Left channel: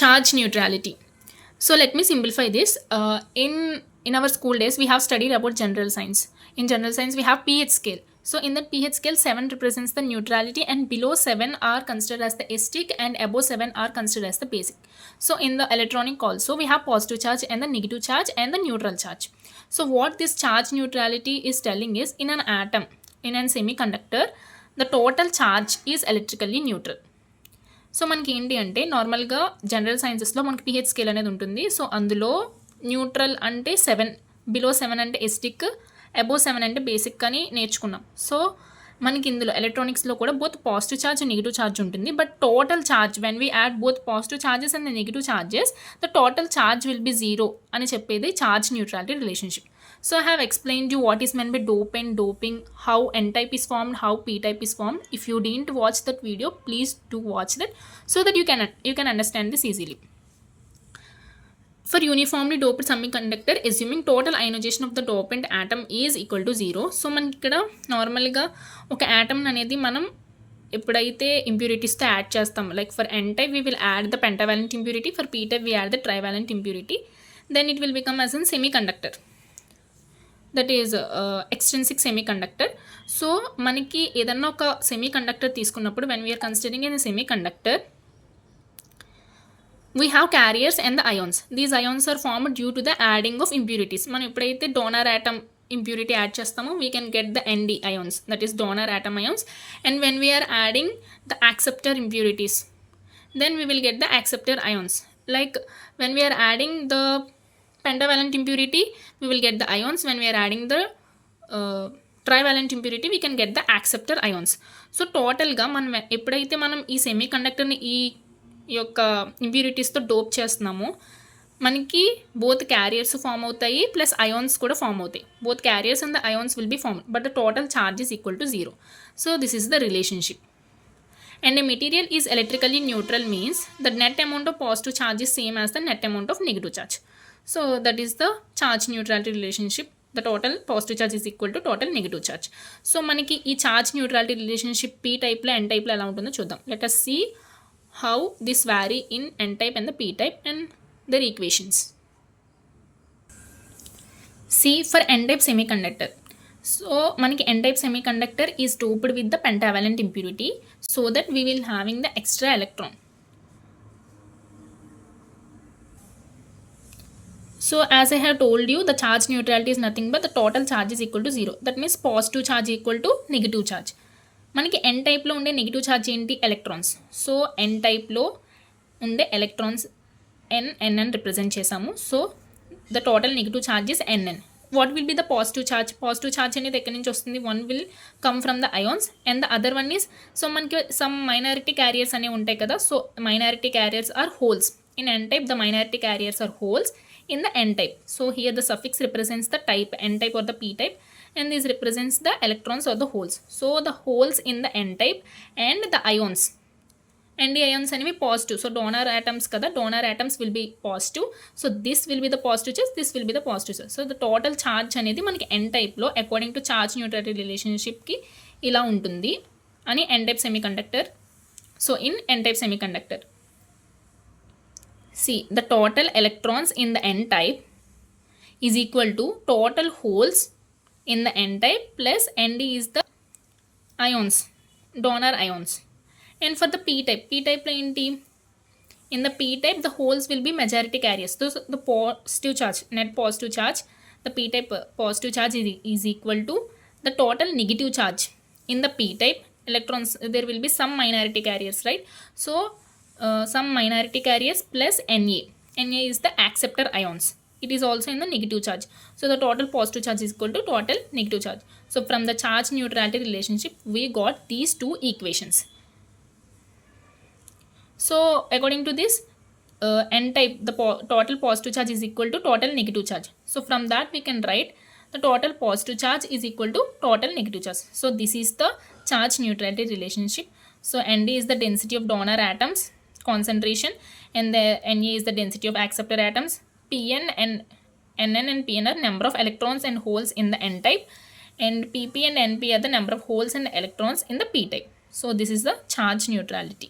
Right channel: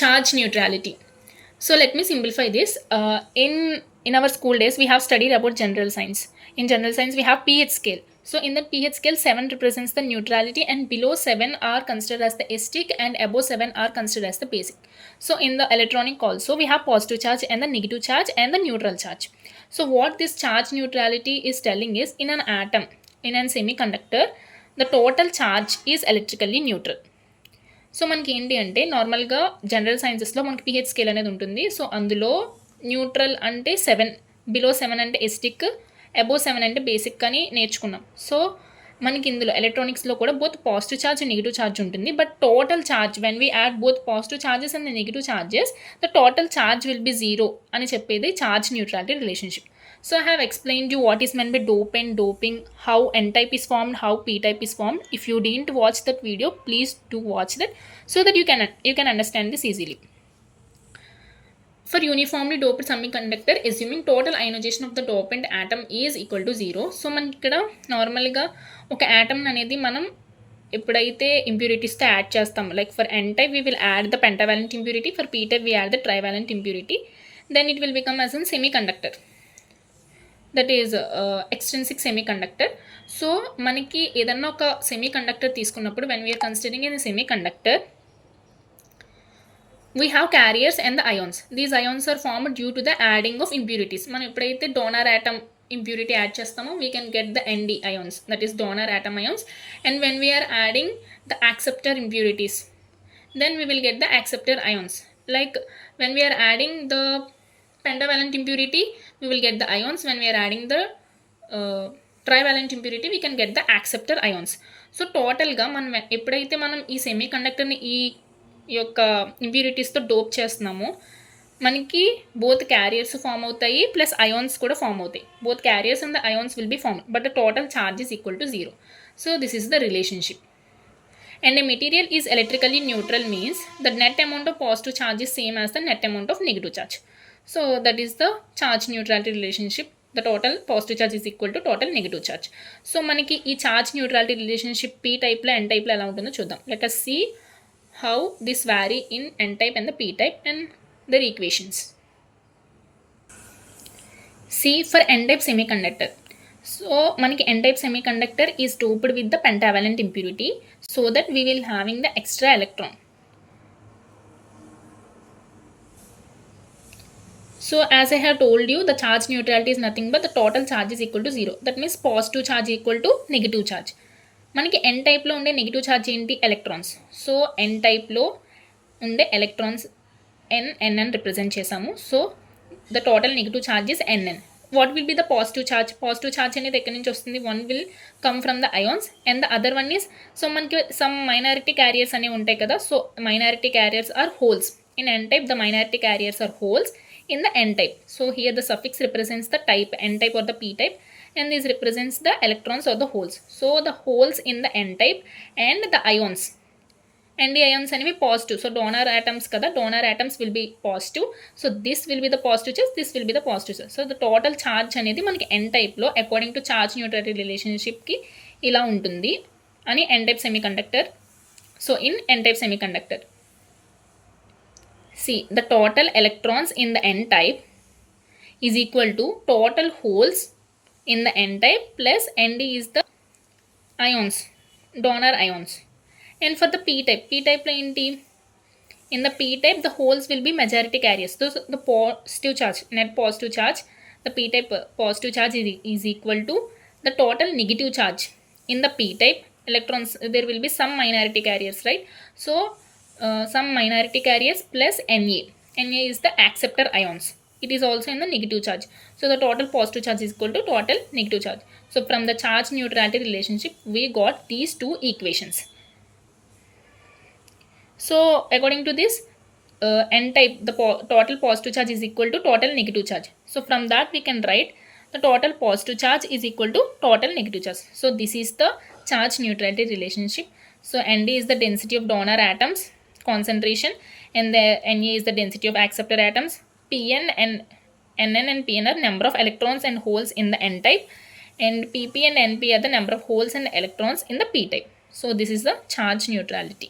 Charge neutrality. So let me simplify this. In our school days, we have studied about general science. In general science, we have pH scale. So in the pH scale, 7 represents the neutrality, and below 7 are considered as the acidic, and above 7 are considered as the basic. So in the electronic also, we have positive charge and the negative charge and the neutral charge. So what this charge neutrality is telling is, in an atom, in a semiconductor, the total charge is electrically neutral. So మనకి ఏంటి అంటే నార్మల్గా general సైన్సెస్లో మనకి pH scale అనేది ఉంటుంది. So అందులో neutral అంటే 7, below 7 అంటే ఎసిడిక్, అబోవ్ 7 అంటే బేసిక్ అని నేర్చుకున్నాం. సో మనకి ఇందులో ఎలక్ట్రానిక్స్లో కూడా both positive charge and negative charge ఉంటుంది. But total charge when we add both positive charges and negative charges, the total charge will be 0 అని చెప్పేది charge neutrality relationship. So I have explained you what is meant by dope and doping, how n-type is formed, how p-type is formed. If you didn't watch that video, please do watch that so that you can understand this easily. For uniformly doped semiconductor, assuming total ionization of the dopant atom is equal to 0. So మనకి ఇక్కడ నార్మల్గా ఒక atom అనేది మనం ఎప్పుడైతే ఇంప్యూరిటీస్తో add చేస్తాము, like for n-type we will add the pentavalent impurity, for p-type we add the trivalent impurity, then it will become as a semiconductor. That is extrinsic semiconductor. So మనకి ఏదన్నా ఒక సెమీకండక్టర్ తీసుకున్నప్పుడు when we are considering in semiconductor, we have carriers and the ions. These ions are formed due to the adding of impurities. మనం ఎప్పుడైతే donor atom impurity add చేస్తామో we can get the ND ions, that is donor atom ions. And when we are adding the acceptor impurities, then we will get the acceptor ions. Like when we are adding the pentavalent impurity, we will get the ions. When we are adding the trivalent impurity, we can get the acceptor ions. So టోటల్గా మనం ఎప్పుడైతే మనం ఈ సెమీకండక్టర్ని ఈ యొక్క ఇంప్యూరిటీస్తో dope చేస్తున్నామో మనకి both carriers form అవుతాయి ప్లస్ అయాన్స్ కూడా ఫామ్ అవుతాయి. Both carriers and the ions will be form, but the total charge is equal to 0. So this is the relationship. And a material is electrically neutral means the net amount of positive charge is same as the net amount of negative charge. So that is the charge neutrality relationship. The total positive charge is equal to total negative charge. So మనకి ఈ charge neutrality relationship p type లో n type లో ఎలా ఉంటుందో చూద్దాం. Let us see how this vary in n type and the p type and their equations. See, for n type semiconductor, so మనకి n type semiconductor is doped with the pentavalent impurity so that we will having the extra electron. So as I have told you, the charge neutrality is nothing but the total charge is equal to 0. That means positive charge equal to negative charge. మనకి n type లో ఉండే negative charge ఏంటి? Electrons. So n type లో ఉండే electrons n అని represent చేసాము. So the total negative charge is nn. What will be the positive charge? Positive charge అనేది ఎక్కడి నుంచి వస్తుంది? One will come from the ions and the other one is, so మనకి some minority carriers అనేవి ఉంటాయి కదా. So minority carriers are holes. In n type the minority carriers are holes in the n type. So here the suffix represents the type, n type or the p type, and this represents the electrons or the holes. So the holes in the n type and the ions, and the ions అనేవి positive. So donor atoms కదా, donor atoms will be positive. So this will be the positive charge, this will be the positive charge. So the total charge అనేది మనకి n టైప్లో according to charge neutrality రిలేషన్షిప్కి ఇలా ఉంటుంది అని n type semiconductor. So in n type semiconductor, see the total electrons in the n type is equal to total holes in the n type plus ND is the ions, donor ions. And for the p type lo enti, in the p type the holes will be majority carriers. So the positive charge, net positive charge, the p type positive charge is equal to the total negative charge. In the p type electrons there will be some minority carriers, right? So some minority carriers plus Na is the acceptor ions. It is also in the negative charge. So the total positive charge is equal to total negative charge. So from the charge neutrality relationship we got these two equations. So according to this n type, the total positive charge is equal to total negative charge. So from that we can write the total positive charge is equal to total negative charge. So this is the charge neutrality relationship. So Nd is the density of donor atoms concentration, and the Na is the density of acceptor atoms. Pn and Nn and Pn are number of electrons and holes in the n type, and Pp and Np are the number of holes and electrons in the p type. So this is the charge neutrality.